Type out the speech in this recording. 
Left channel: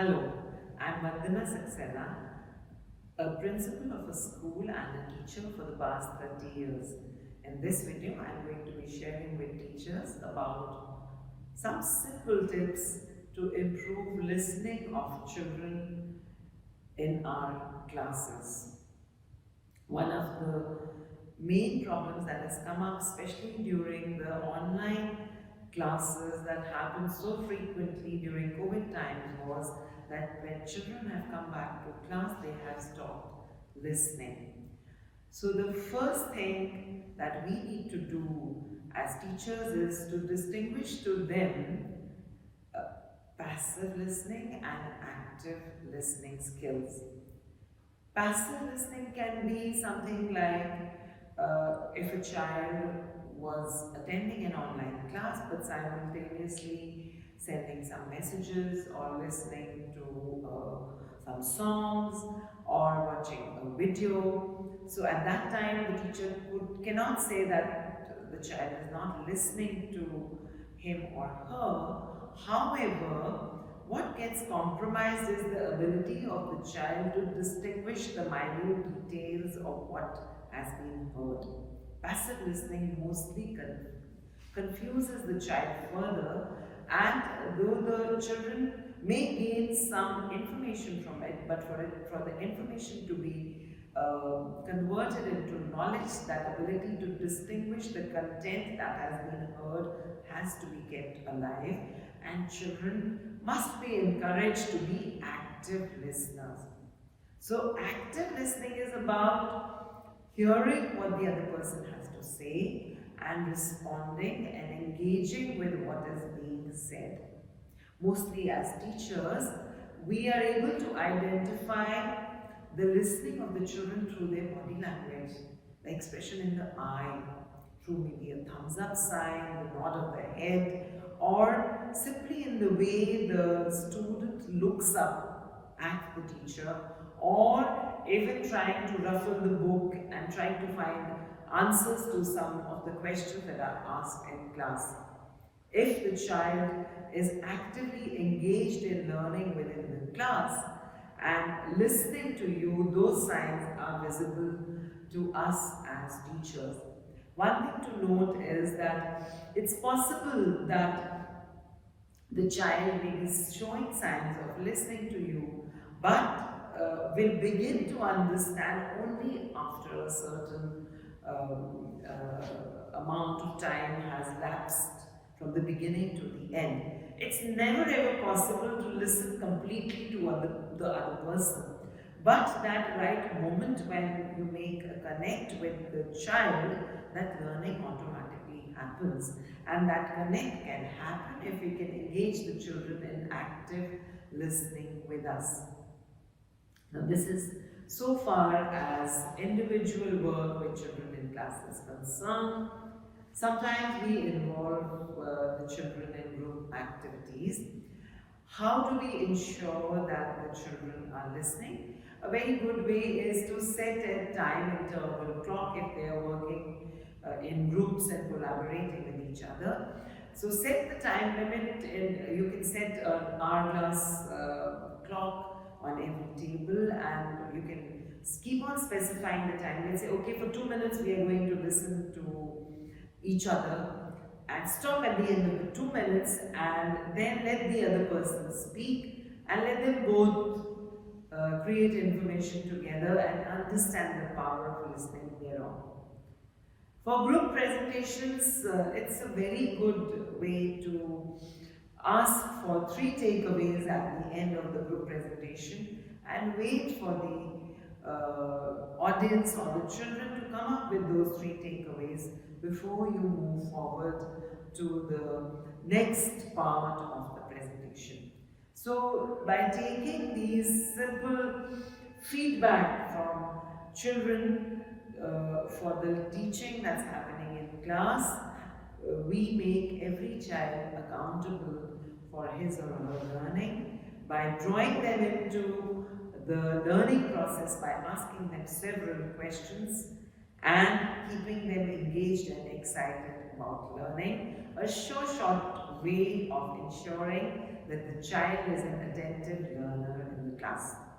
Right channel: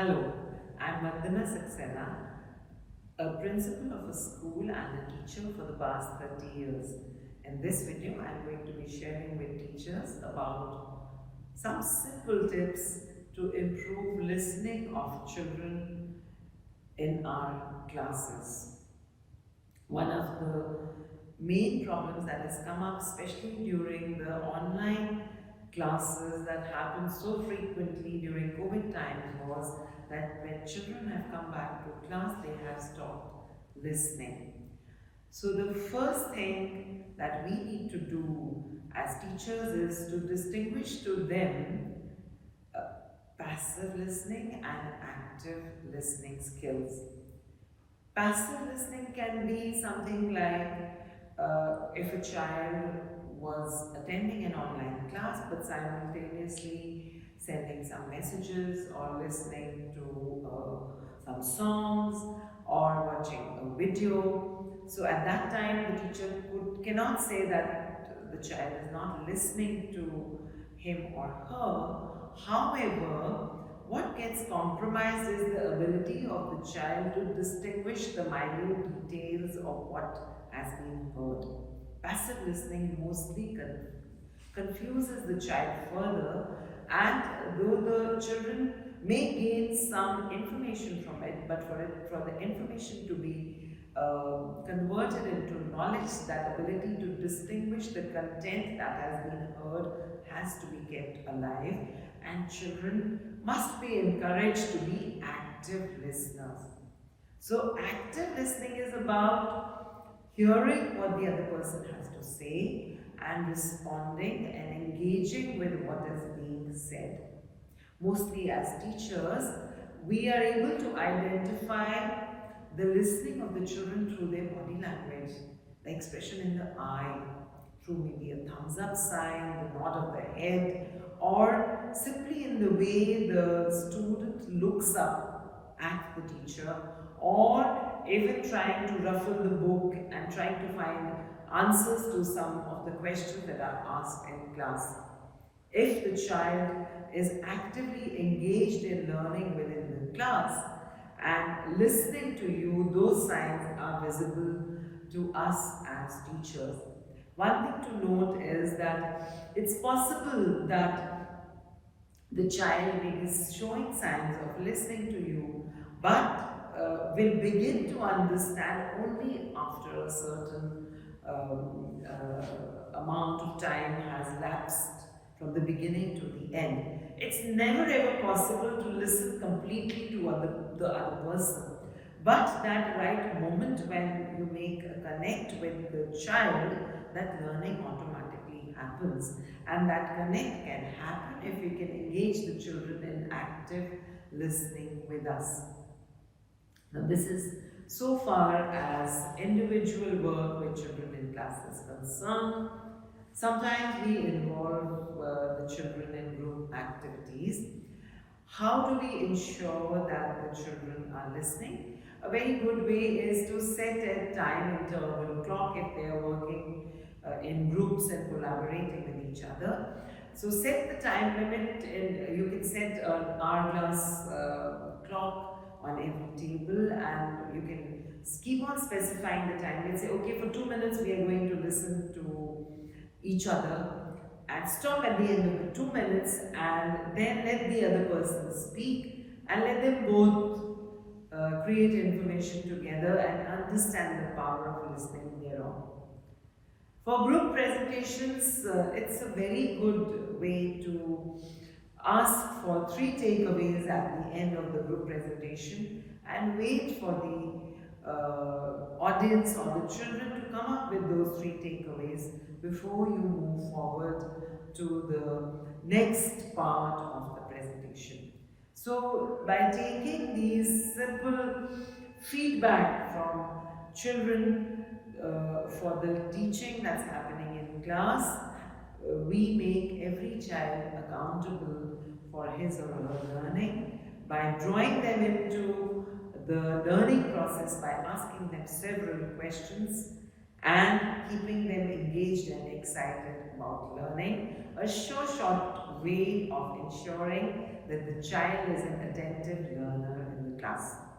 Hello, I'm Vandna Saxena, a principal of a school and a teacher for the past 30 years. In this video, I'm going to be sharing with teachers about some simple tips to improve listening of children in our classes. One of the main problems that has come up, especially during the online classes that happen so frequently during COVID times, was that when children have come back to class, they have stopped listening. So the first thing that we need to do as teachers is to distinguish to them uh, passive listening and active listening skills. Passive listening can be something like if a child was attending an online class but simultaneously sending some messages or listening to some songs or watching a video. So at that time, the teacher cannot say that the child is not listening to him or her. However, what gets compromised is the ability of the child to distinguish the minute details of what has been heard. Passive listening mostly confuses the child further, and though the children may gain some information from it, but for the information to be converted into knowledge, that ability to distinguish the content that has been heard has to be kept alive, and children must be encouraged to be active listeners. So active listening is about hearing what the other person has to say and responding and engaging with what is being said. Mostly as teachers, we are able to identify the listening of the children through their body language, the expression in the eye, through maybe a thumbs up sign, the nod of the head, or simply in the way the student looks up at the teacher, or even trying to ruffle the book and trying to find answers to some of the questions that are asked in class. If the child is actively engaged in learning within the class and listening to you, those signs are visible to us as teachers. One thing to note is that it's possible that the child may be showing signs of listening to you, but will begin to understand only after a certain amount of time has lapsed from the beginning to the end. It's never ever possible to listen completely to the other person. But that right moment when you make a connect with the child, that learning automatically happens. And that connect can happen if we can engage the children in active listening with us. Now this is so far as individual work with children in class is concerned. Sometimes we involve the children in group activities. How do we ensure that the children are listening? A very good way is to set a time interval clock if they are working in groups and collaborating with each other. So set the time limit, you can set an hourglass clock on every table, and you can keep on specifying the time. Let's say, okay, for 2 minutes we are going to listen to each other, and stop at the end of the 2 minutes and then let the other person speak and let them both create information together and understand the power of listening thereon. For group presentations, it's a very good way to ask for 3 takeaways at the end of the group presentation and wait for the audience or the children to come up with those 3 takeaways before you move forward to the next part of the presentation. So by taking these simple feedback from children for the teaching that's happening in class, we make every child accountable for his or her learning by drawing them into the learning process by asking them several questions and keeping them engaged and excited about learning. A short way of ensuring that the child is an attentive learner. class.